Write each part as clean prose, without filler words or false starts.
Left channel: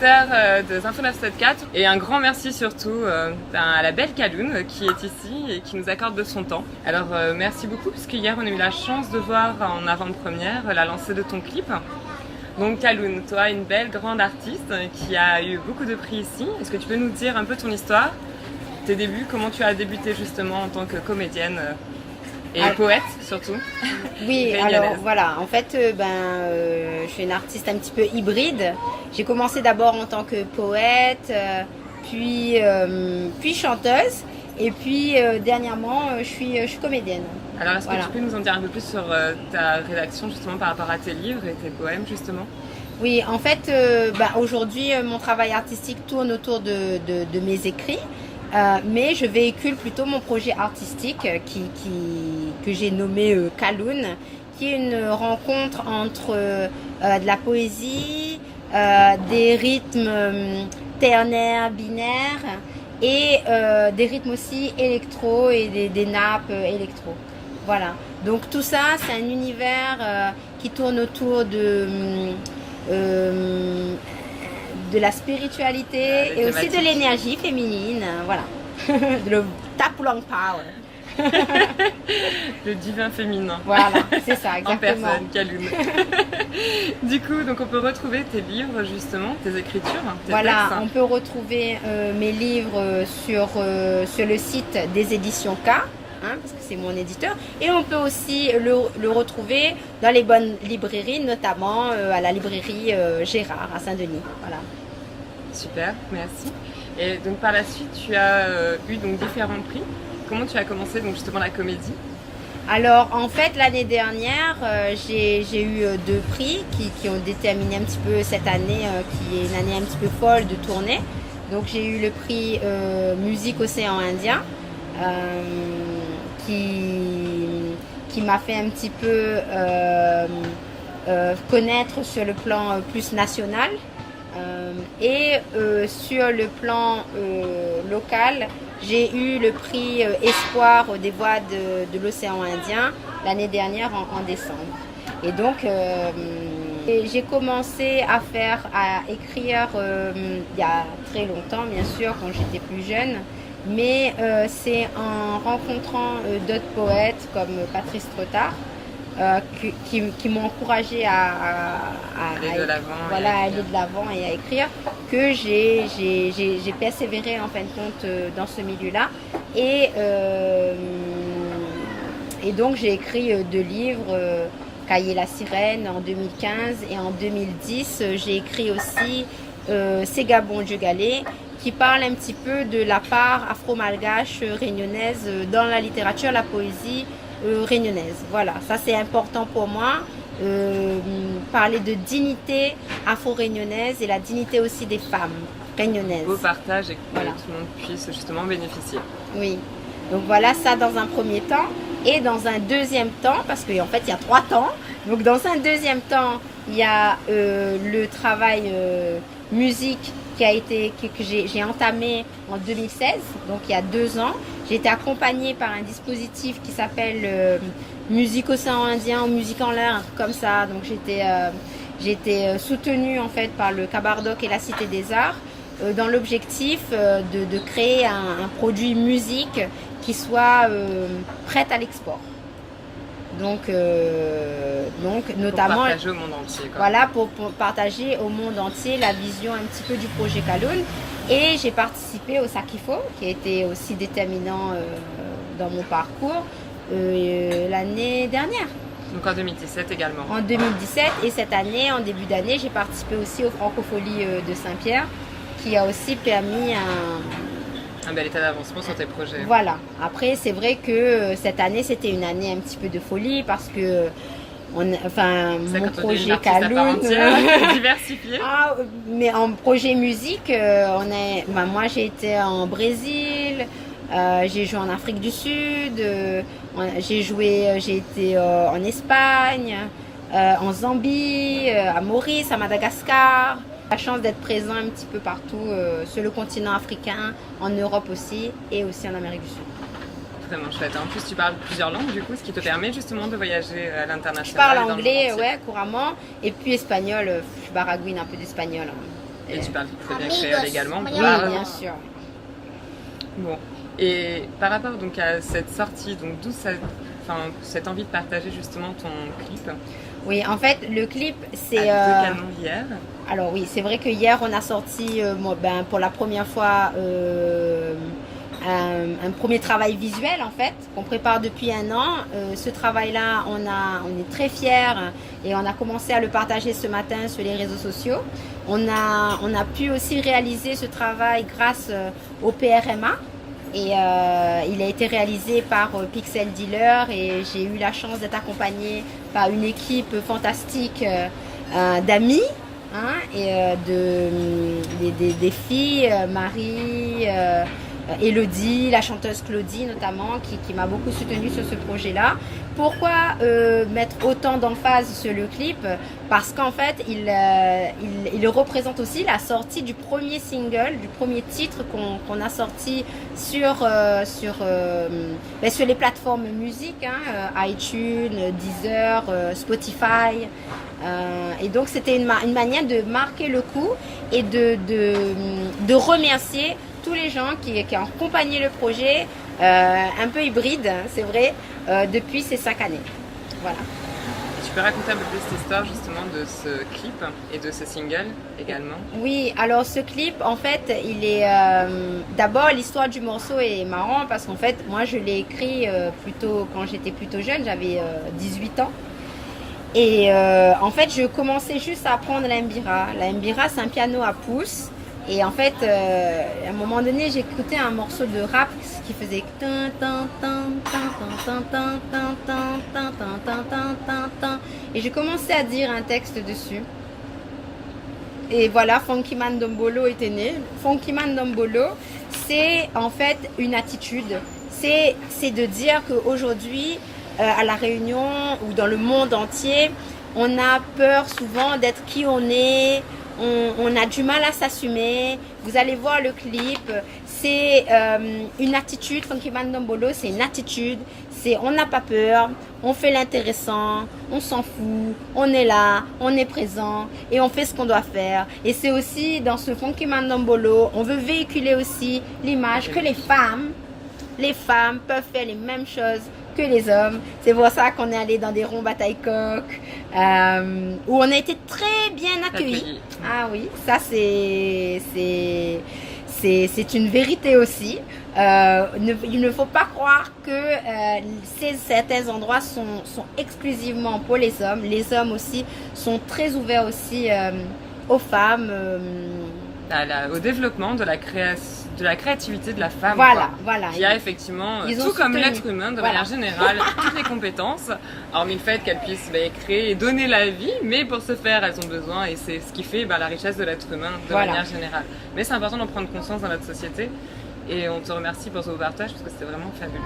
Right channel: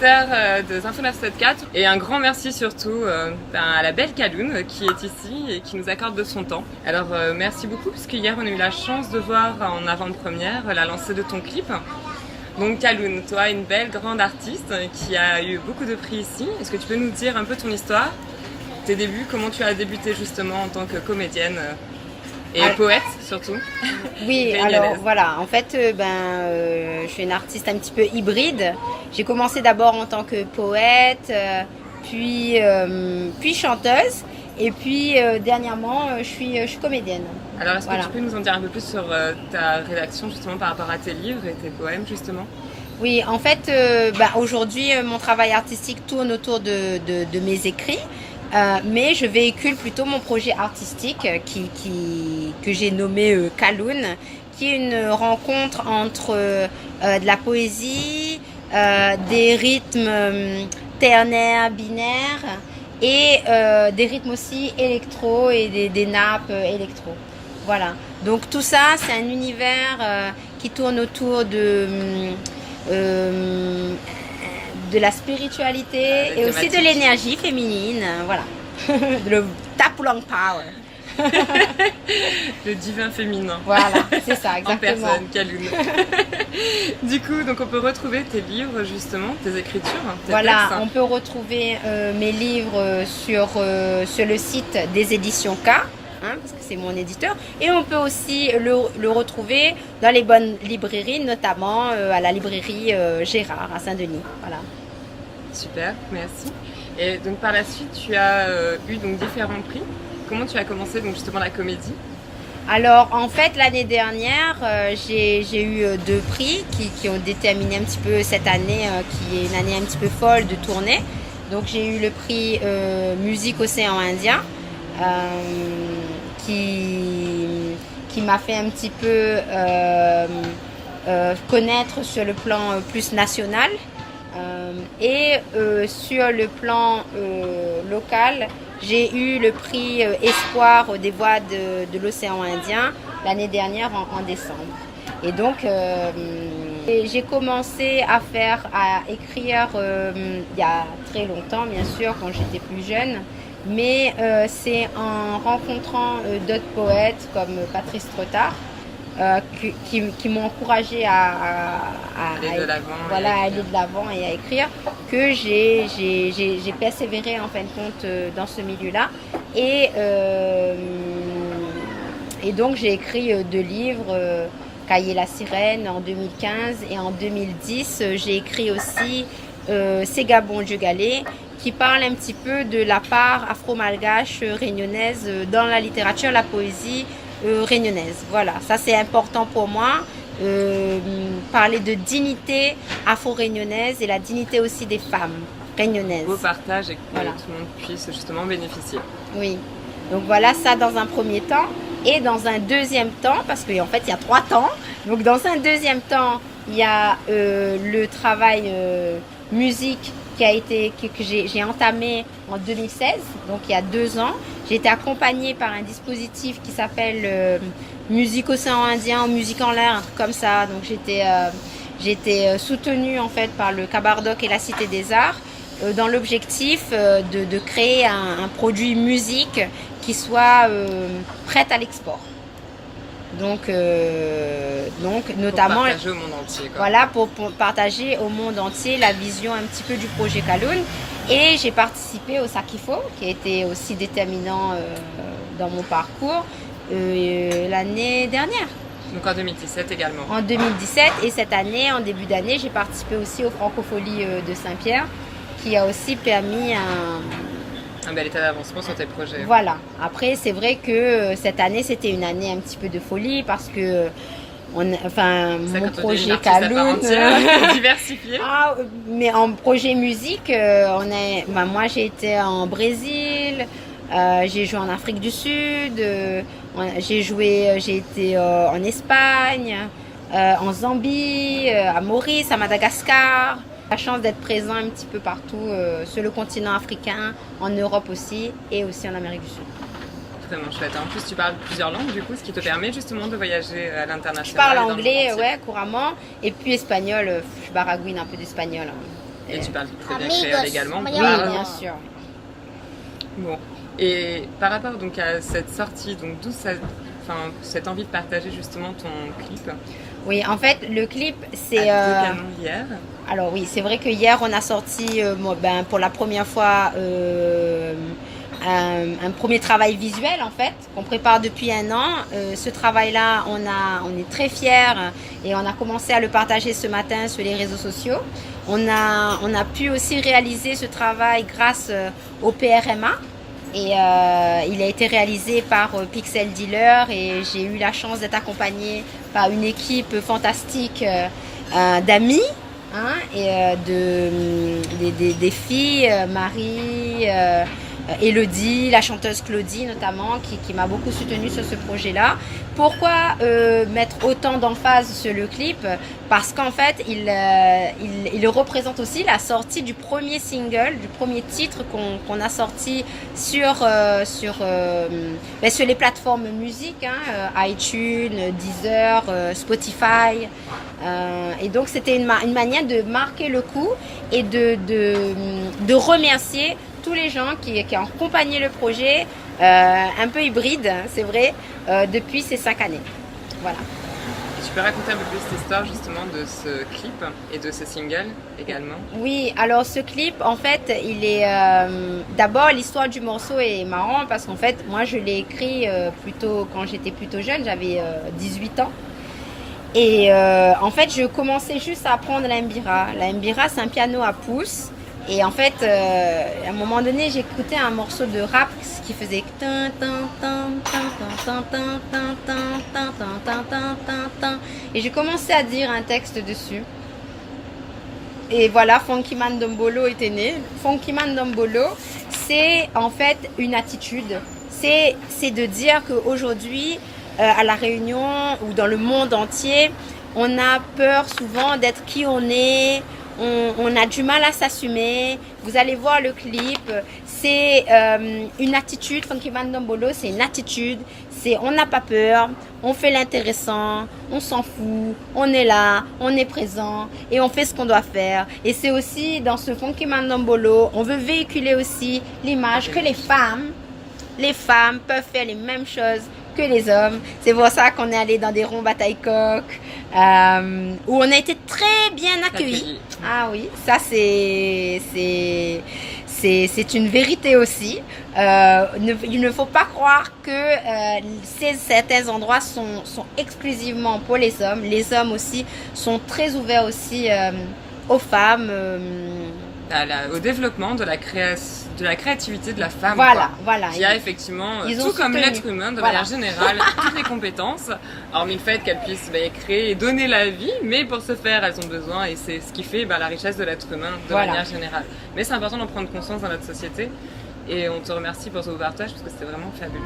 auditeurs de Zinfo 974 et un grand merci surtout à la belle Kaloun qui est ici et qui nous accorde de son temps. Alors merci beaucoup puisque hier on a eu la chance de voir en avant-première la lancée de ton clip. Donc Kaloun, toi une belle grande artiste qui a eu beaucoup de prix ici. Est-ce que tu peux nous dire un peu ton histoire, tes débuts, comment tu as débuté justement en tant que comédienne et poète surtout? Oui, alors voilà, en fait, je suis une artiste un petit peu hybride. J'ai commencé d'abord en tant que poète, puis chanteuse, et puis dernièrement, je suis comédienne. Alors, est-ce que tu peux nous en dire un peu plus sur ta rédaction justement par rapport à tes livres et tes poèmes justement? Oui, en fait, aujourd'hui, mon travail artistique tourne autour de mes écrits. Mais je véhicule plutôt mon projet artistique que j'ai nommé Kaloun, qui est une rencontre entre de la poésie, des rythmes ternaires, binaires et des rythmes aussi électro et des nappes électro. Voilà, donc tout ça c'est un univers qui tourne autour de la spiritualité et aussi de l'énergie féminine, voilà. Le Tapulang Power. Le divin féminin. Voilà, c'est ça, exactement. En personne, Kaloun. Du coup, donc on peut retrouver tes livres justement, tes écritures, tes voilà, textes. on peut retrouver mes livres sur le site des éditions K. Parce que c'est mon éditeur, et on peut aussi le retrouver dans les bonnes librairies, notamment à la librairie Gérard à Saint-Denis. Voilà. Super, merci. Et donc par la suite, tu as eu donc différents prix. Comment tu as commencé donc justement la comédie? Alors en fait l'année dernière, j'ai eu 2 prix qui ont déterminé un petit peu cette année, qui est une année un petit peu folle de tournée. Donc j'ai eu le prix Musique Océan Indien. Qui m'a fait un petit peu connaître sur le plan plus national et sur le plan local, j'ai eu le prix Espoir des voix de l'océan Indien l'année dernière en décembre. Et donc j'ai commencé à écrire il y a très longtemps, bien sûr, quand j'étais plus jeune. Mais c'est en rencontrant d'autres poètes comme Patrice Trottard qui m'ont encouragé à aller de l'avant, aller de l'avant et à écrire, que j'ai persévéré en fin de compte dans ce milieu-là. Et donc j'ai écrit 2 livres, Cahier la sirène en 2015, et en 2010 j'ai écrit aussi Ségabon Dieu Galé, qui parle un petit peu de la part afro-malgache réunionnaise dans la littérature, la poésie réunionnaise. Voilà, ça c'est important pour moi, parler de dignité afro-réunionnaise et la dignité aussi des femmes réunionnaises. Beau partage et que voilà, tout le monde puisse justement bénéficier. Oui, donc voilà ça dans un premier temps. Et dans un deuxième temps, parce qu'en fait il y a 3 temps, donc dans un deuxième temps, il y a le travail musique que j'ai entamé en 2016, donc il y a 2 ans. J'ai été accompagnée par un dispositif qui s'appelle Musique Océan Indien, Musique en l'air, comme ça. Donc j'ai été soutenue en fait par le Cabardoc et la Cité des Arts dans l'objectif de créer un produit musique qui soit prête à l'export. Donc notamment pour partager au monde entier, quoi. Voilà, pour partager au monde entier la vision un petit peu du projet Kaloun. Et j'ai participé au Sakifo, qui a été aussi déterminant dans mon parcours l'année dernière. Donc en 2017 également. En 2017, et cette année, en début d'année, j'ai participé aussi aux Francopholies de Saint-Pierre, qui a aussi permis un bel état d'avancement sur tes projets. Voilà. Après, c'est vrai que cette année, c'était une année un petit peu de folie parce que mon projet Kaloun, diversifié. Mais en projet musique, moi j'ai été en Brésil, j'ai joué en Afrique du Sud, j'ai été en Espagne, en Zambie, à Maurice, à Madagascar. La chance d'être présent un petit peu partout sur le continent africain, en Europe aussi, et aussi en Amérique du Sud. Vraiment chouette. En plus, tu parles plusieurs langues, du coup, ce qui te permet justement de voyager à l'international. Je parle anglais, ouais, couramment, et puis espagnol. Je baragouine un peu d'espagnol. Et tu parles très bien créole également. Oui, bien sûr. Bon. Et par rapport donc à cette sortie, donc d'où cette envie de partager justement ton clip. Oui, en fait, le clip, c'est... De canon hier. Alors oui, c'est vrai que hier, on a sorti pour la première fois un premier travail visuel, en fait, qu'on prépare depuis un an. Ce travail-là, on est très fiers et on a commencé à le partager ce matin sur les réseaux sociaux. On a pu aussi réaliser ce travail grâce au PRMA. Et il a été réalisé par Pixel Dealer et j'ai eu la chance d'être accompagnée par une équipe fantastique d'amis et des filles, Marie, Elodie, la chanteuse Claudie notamment, qui m'a beaucoup soutenue sur ce projet-là. Pourquoi mettre autant d'emphase sur le clip? Parce qu'en fait, il représente aussi la sortie du premier single, du premier titre qu'on a sorti sur les plateformes musique, iTunes, Deezer, Spotify. Et donc, c'était une manière de marquer le coup et de remercier tous les gens qui ont accompagné le projet, un peu hybride, c'est vrai, depuis ces 5 années. Voilà. Tu peux raconter un peu plus l'histoire justement de ce clip et de ce single également? Oui, alors ce clip, en fait, il est... D'abord, l'histoire du morceau est marrant parce qu'en fait, moi, je l'ai écrit quand j'étais plutôt jeune, j'avais 18 ans. Et en fait, je commençais juste à apprendre la mbira. La mbira, c'est un piano à pouces. Et en fait, à un moment donné, j'écoutais un morceau de rap qui faisait et j'ai commencé à dire un texte dessus. Et voilà, Funky Man Dombolo était né. Funky Man Dombolo, c'est en fait une attitude. C'est de dire qu'aujourd'hui, à La Réunion ou dans le monde entier, on a peur souvent d'être qui on est. On a du mal à s'assumer. Vous allez voir le clip. C'est une attitude. Funky Man Dombolo, c'est une attitude. On n'a pas peur. On fait l'intéressant. On s'en fout. On est là. On est présent. Et on fait ce qu'on doit faire. Et c'est aussi dans ce Funky Man Dombolo, on veut véhiculer aussi l'image que les femmes peuvent faire les mêmes choses que les hommes. C'est pour ça qu'on est allé dans des ronds bataille-coq. Où on a été très bien accueillis. Ah oui, ça c'est une vérité aussi. Il ne faut pas croire que certains endroits sont exclusivement pour les hommes. Les hommes aussi sont très ouverts aussi aux femmes. Au développement de la créativité de la femme. Voilà. Qui a effectivement, tout comme l'être humain, de manière générale, toutes les compétences, hormis le fait qu'elles puissent créer et donner la vie, mais pour ce faire, elles ont besoin, et c'est ce qui fait la richesse de l'être humain de manière générale. Mais c'est important d'en prendre conscience dans notre société, et on te remercie pour ce partage, parce que c'était vraiment fabuleux.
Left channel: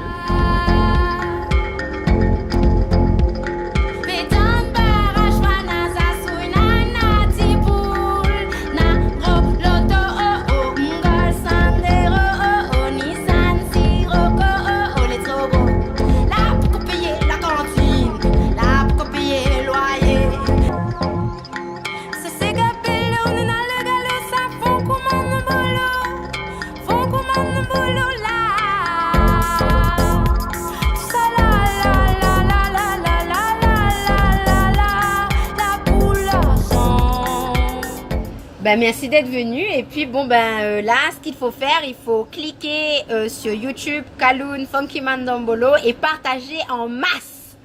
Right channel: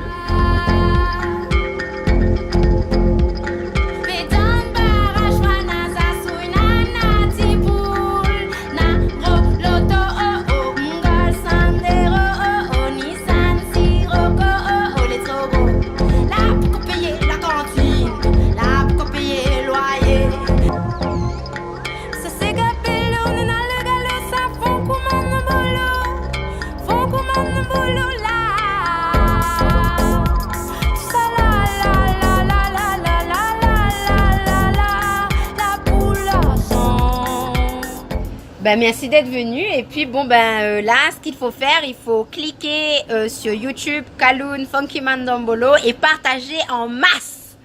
Merci d'être venu. Et puis là, ce qu'il faut faire, il faut cliquer sur YouTube, Kaloun, Funky Man Dombolo et partager en masse.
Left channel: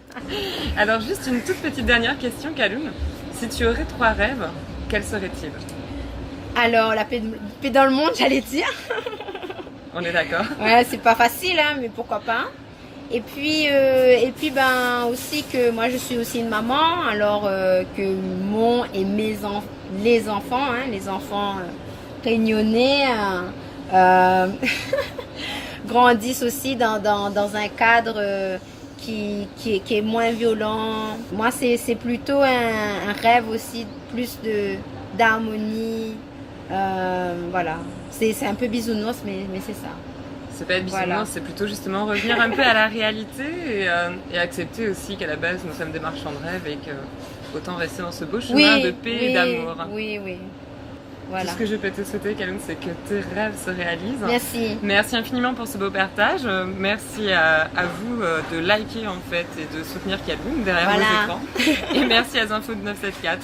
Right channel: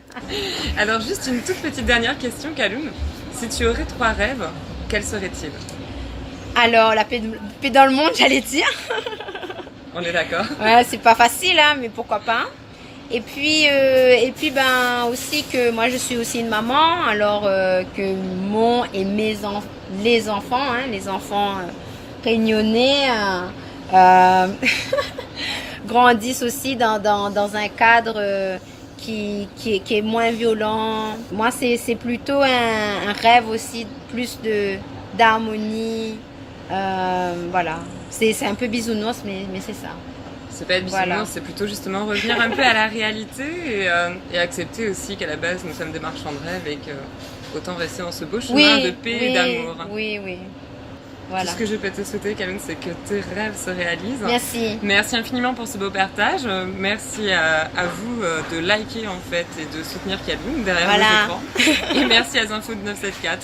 Alors juste une toute petite dernière question, Kaloun. Si tu aurais 3 rêves, quels seraient-ils? Alors la paix dans le monde, j'allais dire. On est d'accord. Ouais, c'est pas facile, mais pourquoi pas. Et puis aussi que moi je suis aussi une maman, alors que les enfants réunionnais grandissent aussi dans un cadre qui est moins violent. Moi c'est plutôt un rêve aussi, plus d'harmonie. Voilà, c'est un peu bisounours, mais c'est ça. C'est pas être bisounours, c'est plutôt justement revenir un peu à la réalité et accepter aussi qu'à la base nous sommes des marchands de rêve et qu'autant rester dans ce beau chemin de paix et d'amour. Oui. Voilà. Tout ce que je peux te souhaiter, Kaloun, c'est que tes rêves se réalisent. Merci. Merci infiniment pour ce beau partage. Merci à vous de liker en fait et de soutenir Kaloun derrière vos écrans. Et merci à Zinfo de 974.